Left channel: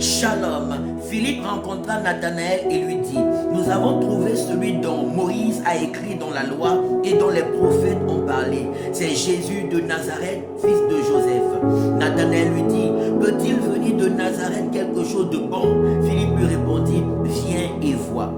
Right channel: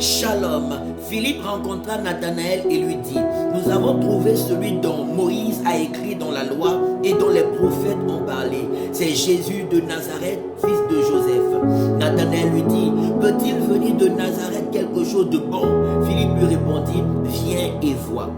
Shalom. Philippe rencontra Nathanaël et lui dit, nous avons trouvé celui dont Moïse a écrit dans la loi et dont les prophètes ont parlé. C'est Jésus de Nazareth, fils de Joseph. Nathanaël lui dit, peut-il venir de Nazareth quelque chose de bon? Philippe lui répondit, viens et vois.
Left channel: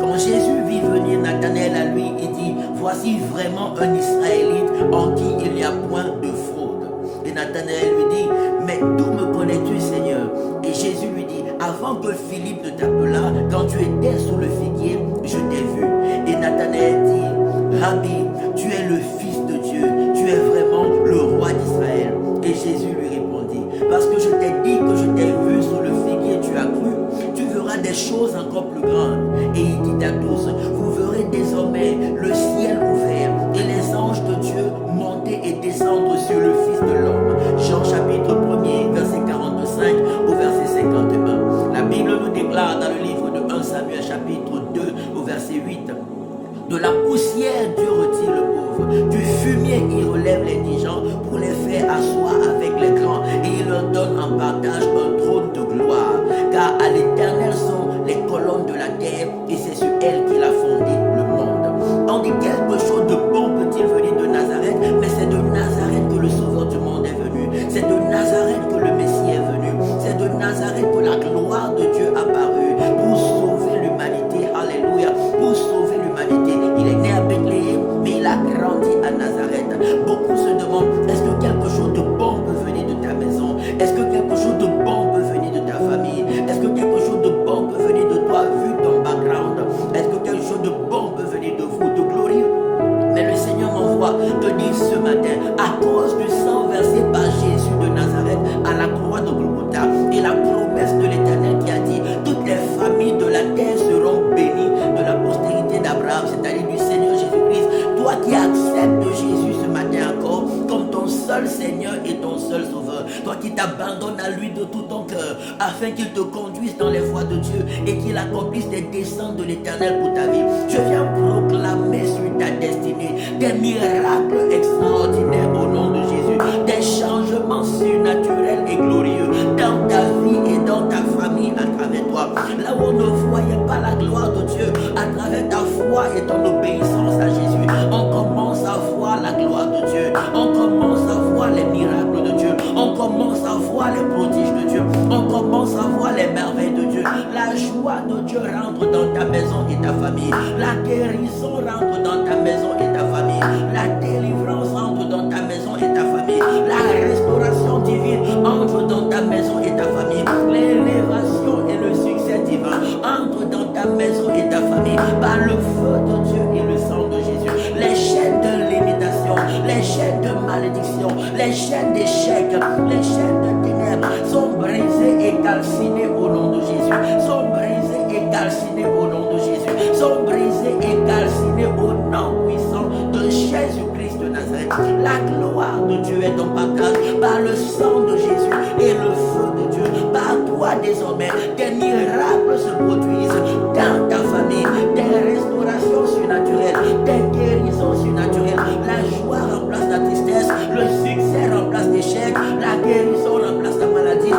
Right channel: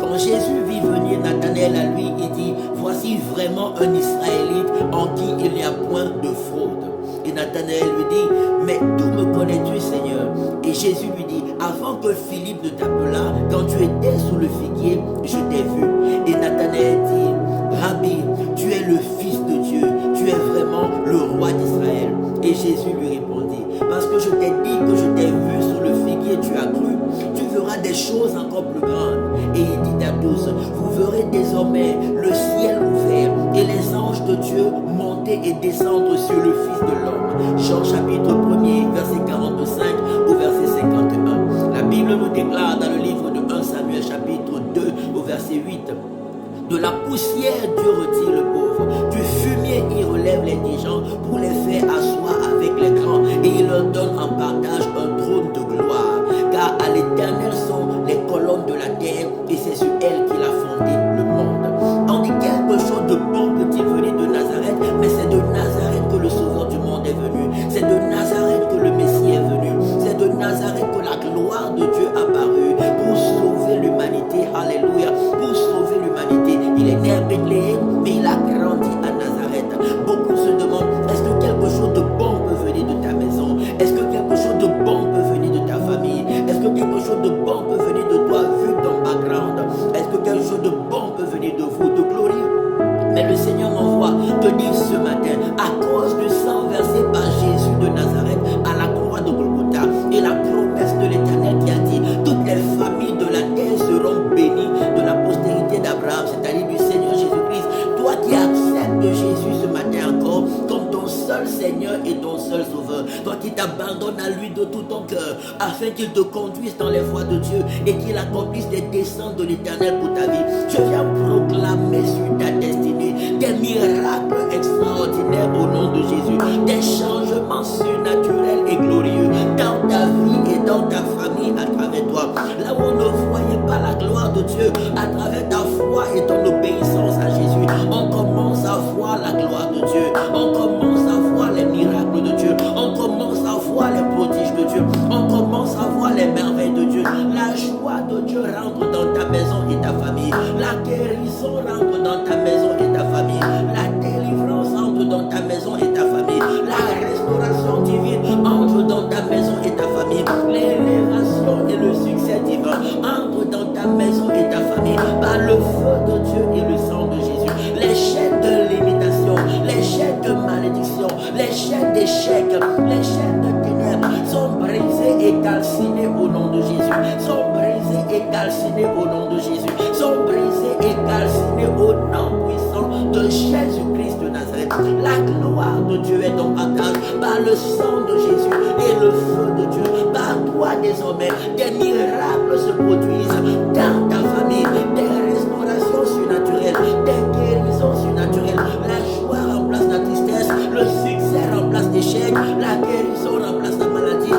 Quand Jésus vit venir Nathanaël à lui, il dit, voici vraiment un Israélite en qui il n'y a point de fraude. Et Nathanaël lui dit, mais d'où me connais-tu, Seigneur? Et Jésus lui dit, avant que Philippe ne t'appelât, quand tu étais sous le figuier, je t'ai vu. Et Nathanaël dit, Rabbi, tu es le Fils de Dieu, tu es vraiment le roi d'Israël. Et Jésus lui répondit, parce que je t'ai dit que je t'ai vu sous le figuier, tu as cru, tu verras des choses encore plus grandes. Et il dit à tous, vous verrez désormais le ciel ouvert et les anges de Dieu monter et descendre sur le Fils de l'homme. Jean chapitre 1er, verset 45 au verset 51. La Bible nous déclare dans le livre de 1 Samuel chapitre 2 au verset 8. De la poussière, Dieu retire le pauvre. Du fumier, il relève les indigents pour les faire asseoir avec les grands. Et il leur donne en partage un trône de gloire. Car à l'Éternel sont les colonnes de la terre et c'est sur elles qu'il a fondé le monde. On dit quelque chose de bon peut-il venir de Nazareth, mais c'est de Nazareth que le Sauveur du monde est venu. C'est de Nazareth que le Messie est venu. C'est de Nazareth que la gloire de Dieu a apparu pour sauver l'humanité. Alléluia. Pour sauver l'humanité. Il est né à Bethléem, mais il a grandi à Nazareth. Beaucoup se demandent, est-ce que quelque chose de bon peut venir de ta maison? Est-ce que quelque chose de bon peut venir de ta famille? Est-ce que quelque chose de bon peut venir de toi vu ton background? Est-ce que quelque chose de bon peut venir de vous, de glorieux? Mais le Seigneur m'envoie te dire ce matin, à cause du sang versé par Jésus de Nazareth à la croix de Golgotha et la promesse de l'Éternel qui a dit, toutes les familles de la terre seront bénies de la postérité d'Abraham, c'est-à-dire du Seigneur Jésus-Christ. Toi qui acceptes Jésus ce matin encore comme ton seul Seigneur et ton seul Sauveur, toi qui t'abandonnes à lui de tout ton cœur afin qu'il te conduise dans les voies de Dieu et qu'il accomplisse les desseins de l'Éternel pour ta vie, je viens proclamer sur ta destinée des miracles extraordinaires au nom de Jésus, des changements surnaturels et glorieux dans ta vie et dans ta famille à travers toi. Là où on ne voyait pas la gloire de Dieu à travers ta foi et ton obéissance à Jésus, on commence à voir la gloire de Dieu, on commence à voir les miracles de Dieu, on commence à voir les prodiges de Dieu, on commence à voir les merveilles de Dieu. La joie de Dieu rentre dans ta maison et ta famille, la guérison rentre dans ta maison et ta famille, la délivrance entre dans ta maison et ta famille, la restauration divine entre dans ta maison et ta famille, l'élévation et le succès divin entre dans ta maison et ta famille par le feu de Dieu et le sang de Jésus. Les chaînes de limitation, les chaînes de malédiction, les chaînes d'échec, les chaînes de ténèbres sont brisées et calcinées au nom de Jésus, sont brisées et calcinées au nom de Jésus, sont brisées et calcinées au nom puissant de Jésus-Christ de Nazareth. La gloire de Dieu est ton partage par le sang de Jésus et le feu de Dieu. Par toi désormais, des miracles se produisent dans ta famille, des restaurations surnaturelles, des guérisons surnaturelles. La joie remplace la tristesse, le succès remplace l'échec, la guérison remplace la maladie,